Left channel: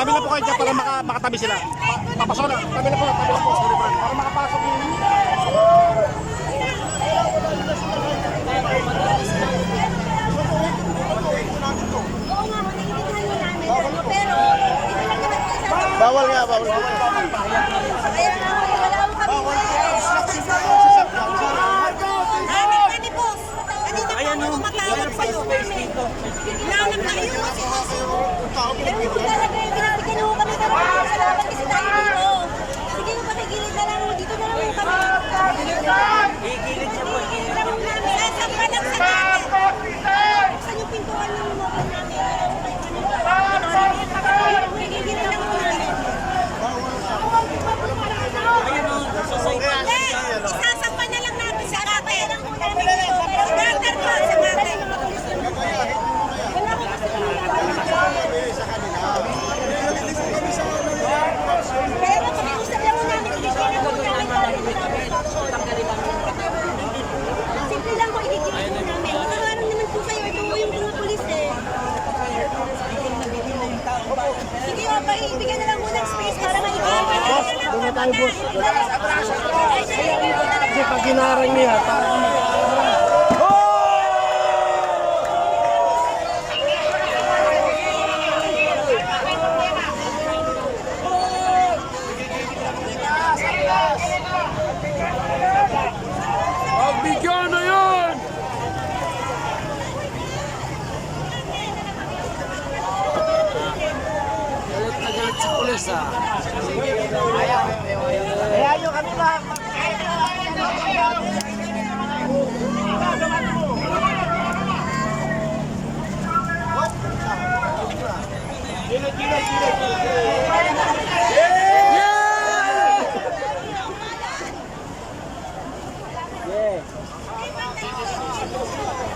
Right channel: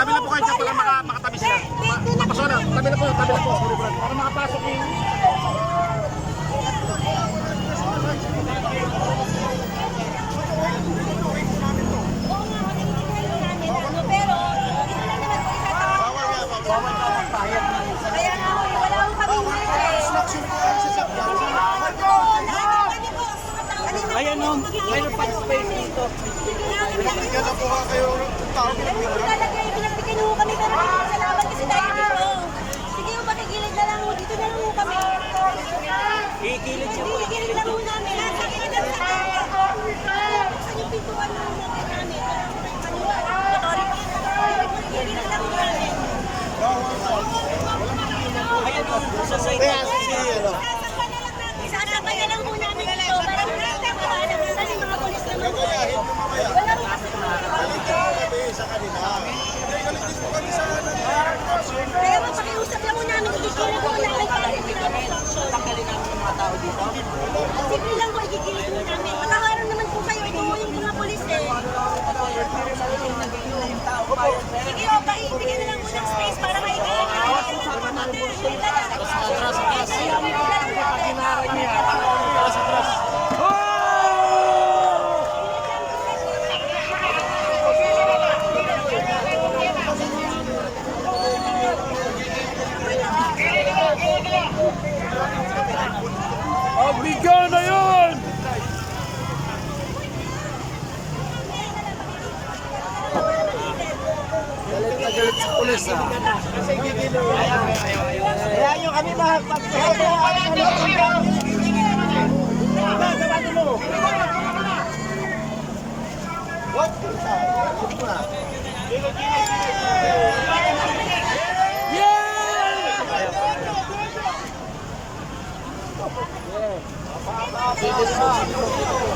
Brad, dyan para maka, makatabi sila. Papasok na, tabi na po, tabi na po. Sorry Brad, para makapasok yung... Ano, po. Bawal nga, bawal. Bawal ka magpahayag. Kaya nga, ho, eh, wala ko kami pwede. Ayan o, meron pa space dito. Binigyan na po nga kayo ng tao, Pero po talaga, eh, pinagbigyan ho kami para makakasalamat kasi tayo dito. Sige ho, pakigilid na lang. Dito na lang kami. Igilid siya po, igilid lang ho namin. Saan yung pintuan ng mga namin? Authority. Igilid lang ho namin. Bawal ka. Walang problema. Ayan o, sa side Kaya, sige, ano. Sasakpan na lang natin. Sasakpan na lang ho namin dito. Para dali mga polis na Gagayahin yung mamaya. Wala ko kasi kami Galit po kami sa kanila. Hindi, galit din po kami sa nangyayari po action. Kaya mapakiusap lang ho namin. Igigilid ho namin para hindi namin action. tanggalin namin yung mga tao dito. Simple lang po, igigilid ho namin. Nakaharap naman po kayo. Ito ho yung mga polis eh. Paibigyan na lang ng space para maibigyan namin. Wala tayo boss. Kasi pag ginarang niya, talagang mataas na. Pagbigyan na yun! Galit na sa pulis ah. Kaya yung kanila, Atras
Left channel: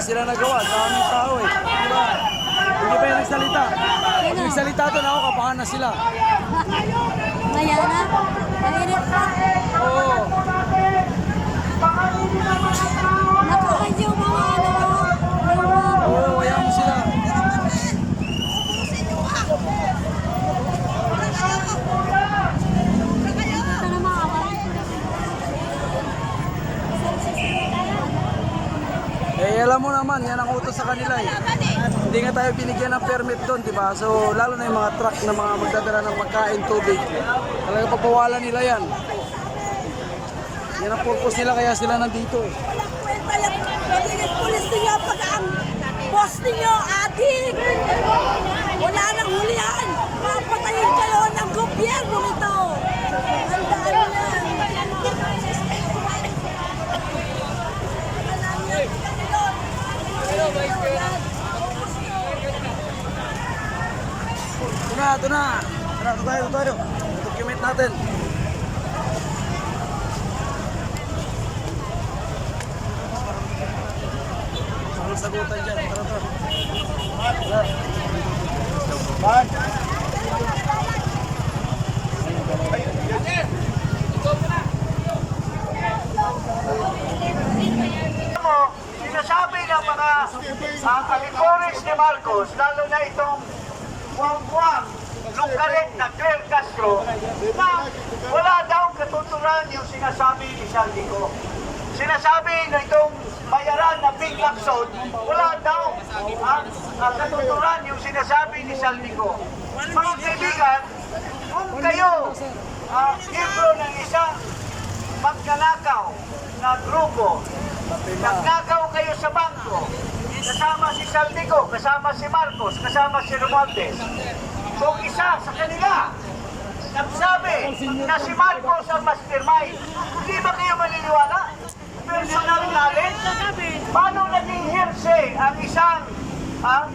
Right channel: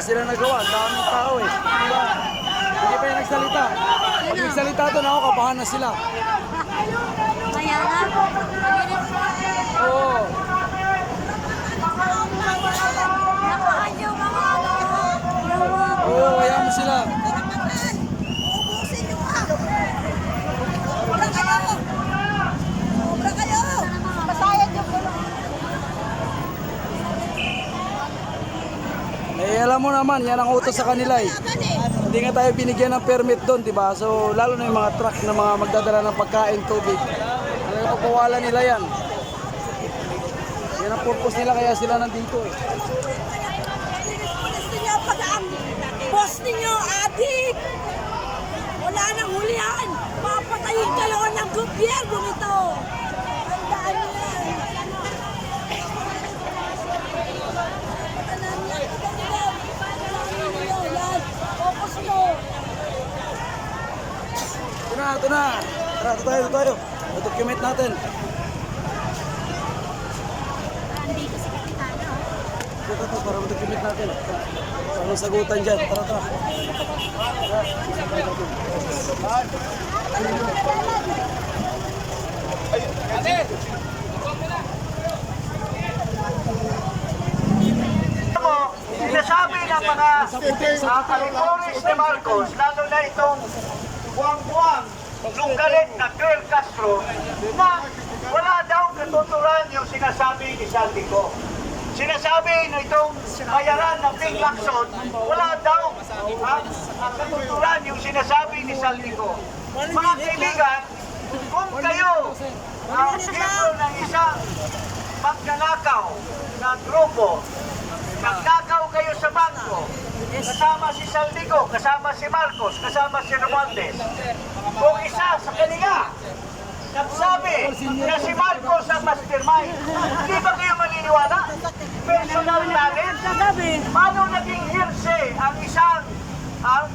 sila nagawa. Daming tao eh. Di ba? Hindi pa yung nagsalita. Pag nagsalita doon ako, kabahan na sila. Kaya nga, mainit pa. Oo. Nakaan yung mga ano, Oo, kaya mo sila. Eh, alam mo naman, yan ang utos sa kanila eh. Hindi nga tayo binigyan ng permit doon, di ba? So, lalo na yung mga truck na mga magdadala ng pagkain, tubig. Talaga papawalan nila yan. Yan ang purpose nila, kaya sila nandito eh. Ninyo pag ang boss ninyo, adik! Wala nang hulihan! Papatayin kayo ng gobyerno ito! Tandaan nyo yan! Yan, focus mo! Ito na. Tara, ito tayo, ito tayo. Document natin. Ito, ito, para document natin. Anong sagutan dyan. Tara, tara. Tara. sinasabi ng mga uh, alipores ni Marcos, lalo na itong buwang-buwang lunggalit na Claire Castro, na wala daw katuturan yung sinasabi ni Saldico. Sinasabi na itong bayaran ng Big Lacson, wala daw ang ang katuturan yung sinasabi ni Saldico. Mga kaibigan, kung kayo ang uh, ng isang magnanakaw na grupo. Nagnakaw kayo sa bangko. Kasama si Saldico, kasama si Marcos, kasama si Romualdez. Kung isa sa kanila nagsabi na si Marcos ang mastermind, hindi ba kayo maniniwala? Personal knowledge? Paano naging hearsay ang isang ang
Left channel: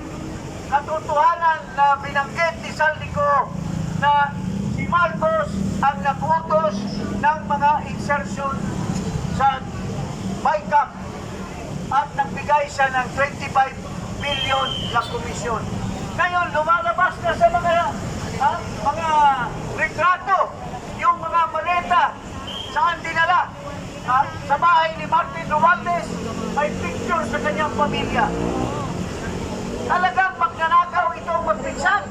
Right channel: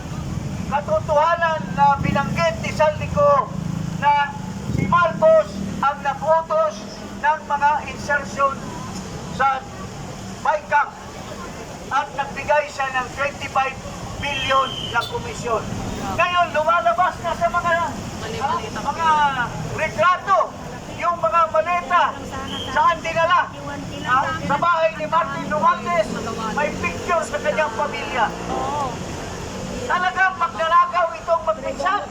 katotohanan na binanggit ni Saldico na si Marcos ang nagutos ng mga insertion sa BICAM at nagbigay siya ng 25 billion na komisyon. Ngayon, lumalabas na sa mga ha, mga retrato, yung mga maleta, saan dinala? Ha, sa bahay ni Martin Romualdez, may picture sa kanyang pamilya. Talagang magnanakaw itong magpinsan.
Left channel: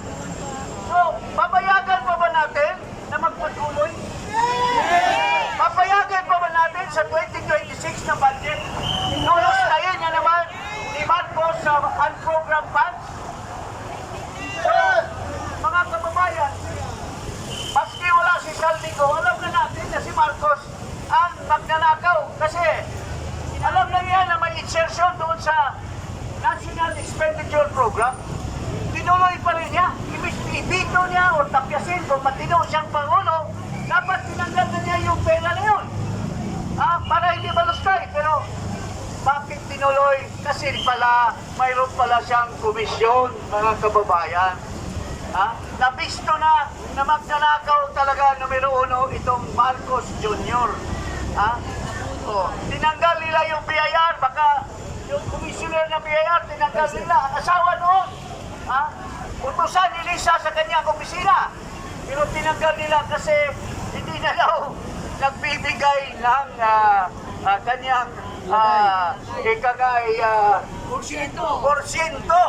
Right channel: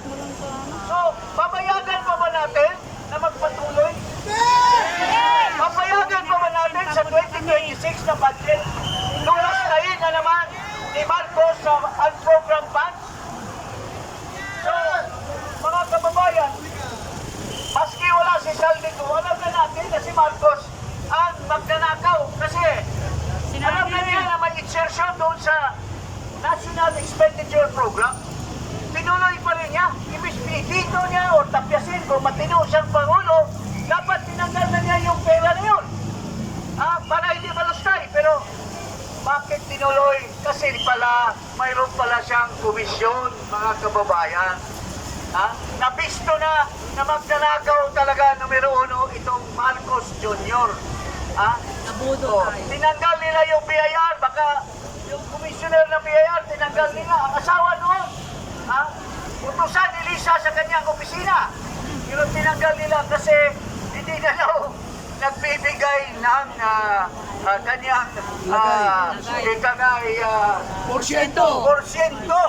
So, babayagan pa ba natin na magpatuloy? Papayagan pa ba natin sa 2026 na budget? Lulustayin na naman ni Marcos sa unprogrammed funds? Mga kababayan, maski wala si Saldico, alam na natin na si Marcos ang magnanakaw kasi alam na niya na may insertion doon sa National Expenditure Program. Tinuloy pa rin niya. Ibig dito niya o tapyasin kung matino siyang Pangulo, dapat tinanggal na niya yung pera na yun. Ah, para hindi malustay. Pero bakit tinuloy? Kasi pala, mayroon pala siyang komisyon, mga kababayan. Ha? Nabisto na na magnanakaw talaga numero uno itong Marcos Jr. Ha? Oh, tinanggal nila yung BIR, baka yung commissioner ng BIR, tinanggal nila ang asawa noon. Ha? Utusan ni Lisa sa kanyang opisina. Pero tinanggal nila kasi hindi na daw nagbibigay ng ah, ah, kanyang uh, ikagay ah, Porsyento! porsyento.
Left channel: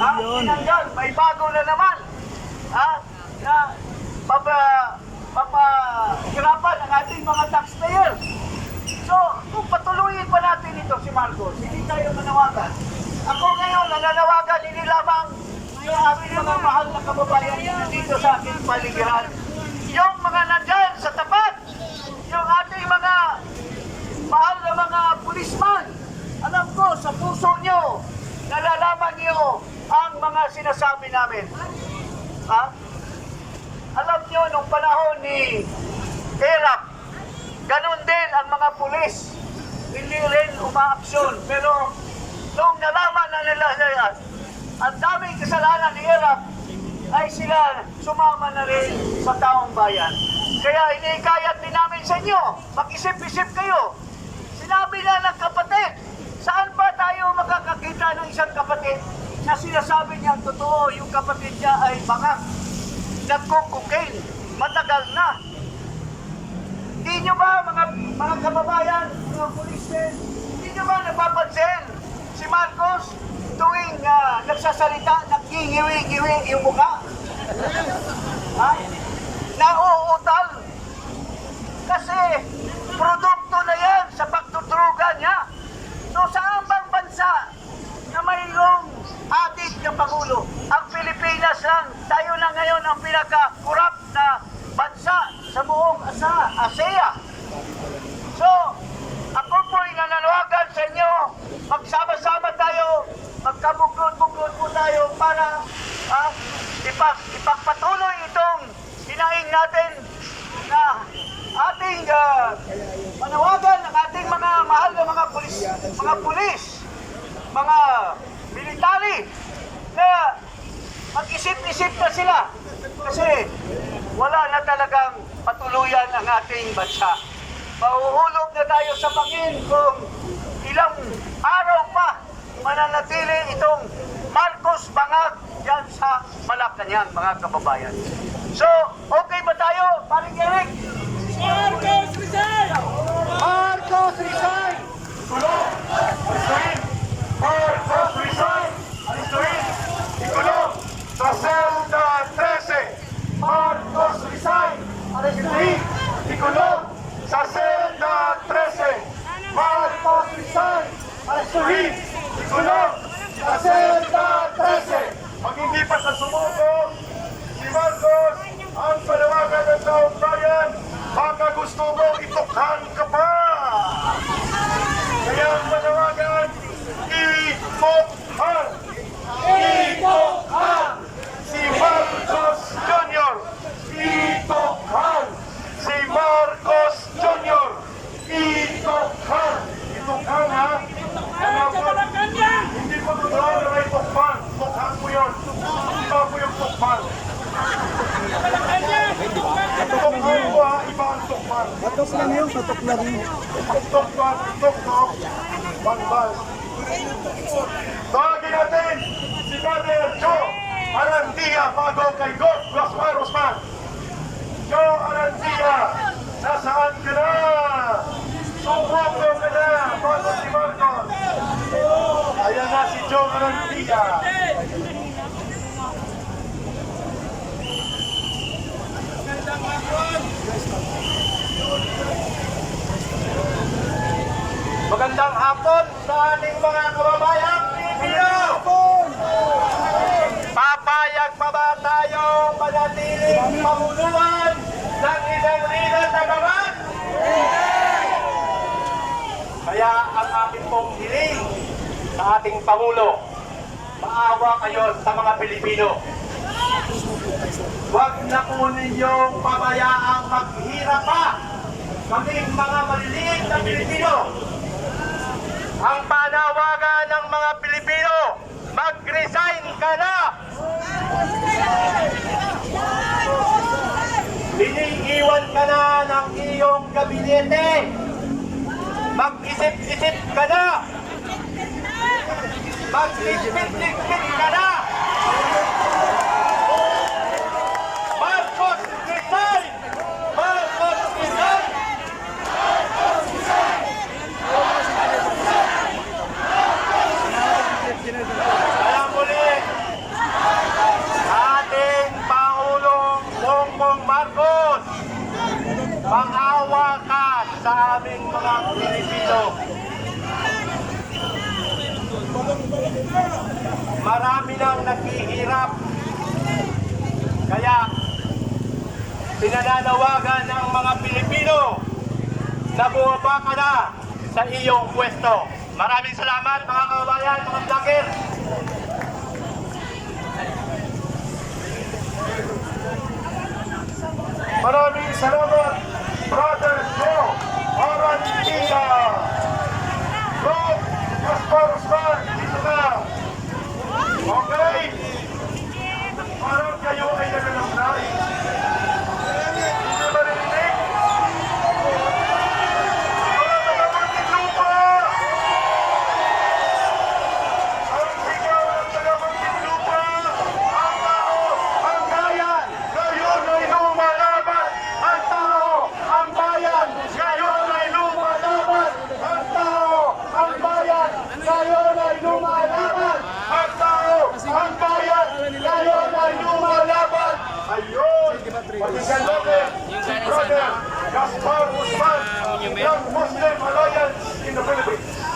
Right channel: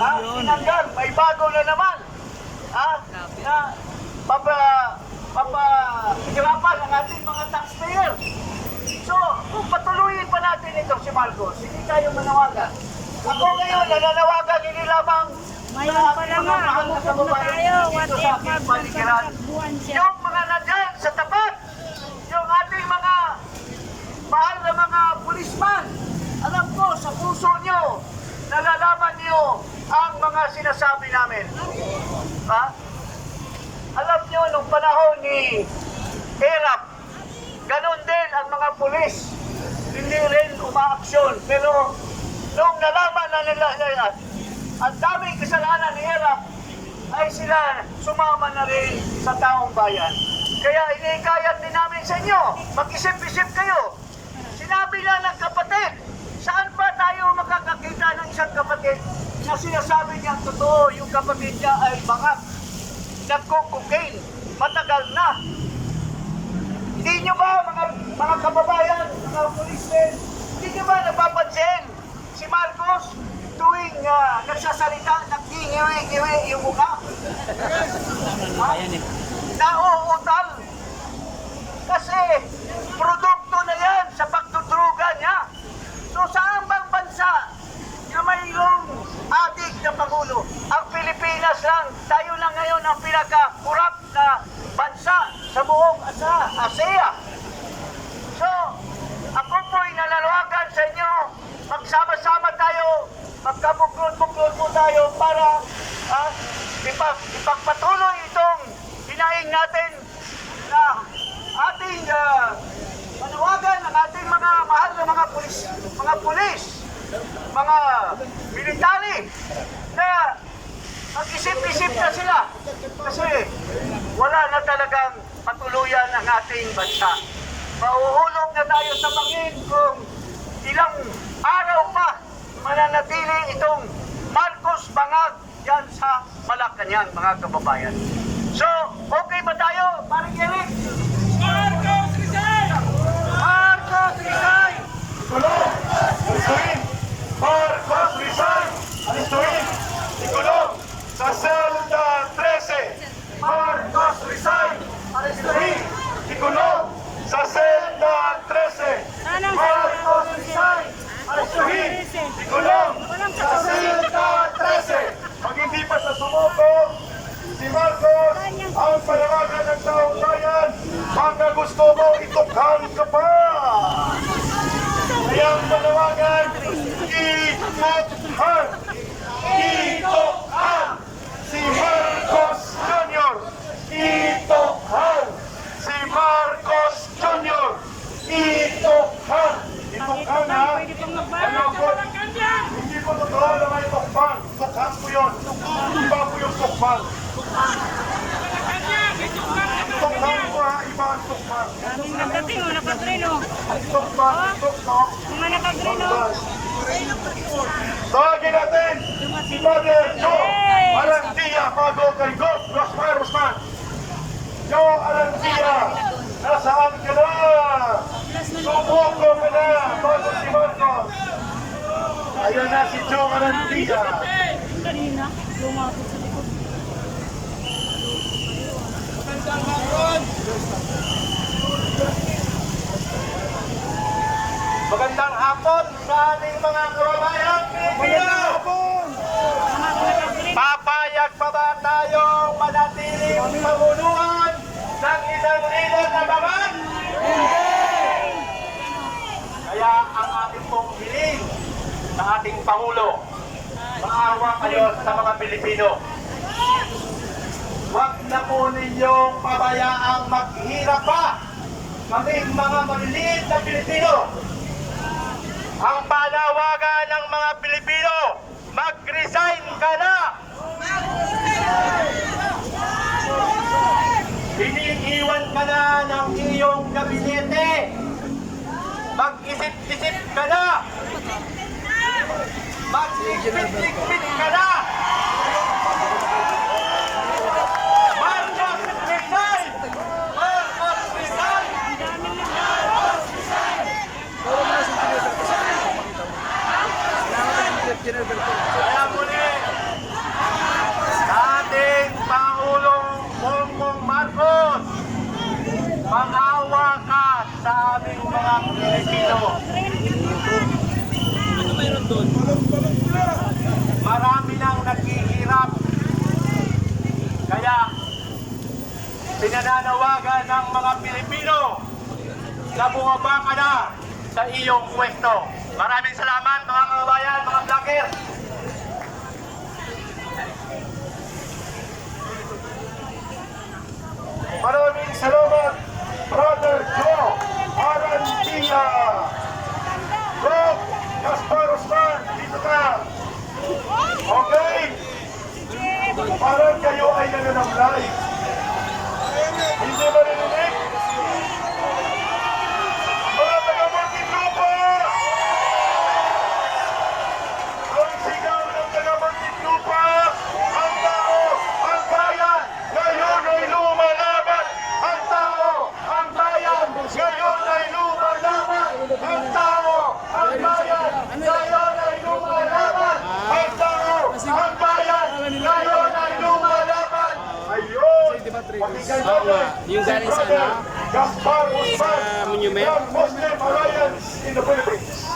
Ha? Tinanggal. May bago na naman. Ha? Na papa papahirapan ang ating mga taxpayer. So, kung patuloyin pa natin ito si Marcos, hindi tayo manawagan. Ako ngayon, nananawagan hindi lamang sa aking mga mahal na kababayan dito sa aking paligiran. Yung mga nandyan sa tapat, yung ating mga mahal na mga pulisman, alam ko sa puso nyo, nalalaman nyo ang mga sinasabi namin. Ha? Alam nyo, nung panahon ni Erap, ganun din ang mga pulis. Hindi rin umaaksyon. Pero nung nalaman na nila na ang daming kasalanan ni Erap, ay sila sumama na rin sa taong bayan. Kaya inikayat din namin sa inyo, mag-isip-isip kayo. Sinabi na ng kapatid, saan ba tayo makakakita ng isang kapatid na sinasabi niyang totoo yung kapatid niya ay bangak, nagko-cocaine, matagal na. Hindi nyo ba mga, mga kababayan, mga police, hindi nyo ba napapansin si Marcos tuwing ah, nagsasalita, nagkihiwi-hiwi yung mukha? Ha? Nauutal. Kasi produkto na yan sa pagdudruga niya. So saan bang bansa na Pangulo? Ang Pilipinas lang, tayo na ngayon ang pinaka-corrupt na bansa sa buong asa, ASEA. So, ako po'y nananawagan sa inyo, magsama-sama tayo, magkabuklod-buklod po tayo para ah, ipag, ipagpatuloy itong hinaing natin na ating ah, manawagan ng ating mga mahal na mga pulis, mga pulis, mga military na mag-isip-isip na sila kasi wala na talagang patuluyan ang ating bansa. Mauhulog na tayo sa bangin kung ilang araw pa mananatili itong Marcos Bangag yan sa Malacanang, mga kababayan. So, okay ba tayo, paring Eric? Marcos Rizal! Marcos Rizal! Marcos Rizal, alistuin, ikulong sa selda 13. Marcos Rizal, alistuin, ikulong sa selda 13. Marcos Rizal, alistuin, ikulong sa selda 13. Pag hindi pa sa sumuko, si Marcos ang panawagan ng taong bayan, baka gusto gusto mo, itukhan ka pa. Kaya ang panawagan, itukhan! Itukhan! Si Marcos Jr. Itukhan! Si Marcos Jr. Itukhan! Itukhan ha? Alam ko, hindi po totoo na may tukpan. Tukhan po yun. Iba po yung tukpan. Tukhan ko ha, iba ang tukpan. Tukpan, tuktok, bangbas. Tawagin natin si Father Joe Alandia bago kay God Gaspar Usman. Joe Alandia, nasaan ka na? Sumuko ka na bago si Marcos. Ayan na si Joe Alandia. Magandang hapon sa ating mga kababayan Pilipino! Papayag pa ba tayong manatiling pamunuan ng isang lider na babat? Kaya ang ating pong hiling sa ating Pangulo, maawa kayo sa mga Pilipino. Huwag na po ninyong pabayaang maghirap pa kaming mga maliliit na Pilipino. Ang panawagan ng mga Pilipino, mag-resign ka na! Iniiwan ka na ng iyong gabinete. Mag-isip-isip ka na. Magligpit-ligpit ka na. Marcos, resign! Marcos, resign! Kaya muli, ating Pangulong Bongbong Marcos, maawa ka sa aming mga Pilipino. Marami nang naghihirap. Kaya, pinananawagan ng mga Pilipino na bumaba ka na sa iyong pwesto. Maraming salamat mga kababayan, mga vlogger. Maraming salamat, Brother Joe Arantia. Rob Gaspar Usman, dito ka. Okay? Parang kayo ay Pakinggan natin si Brother Gaspar Usman ng Muslim Alliance in the Philippines.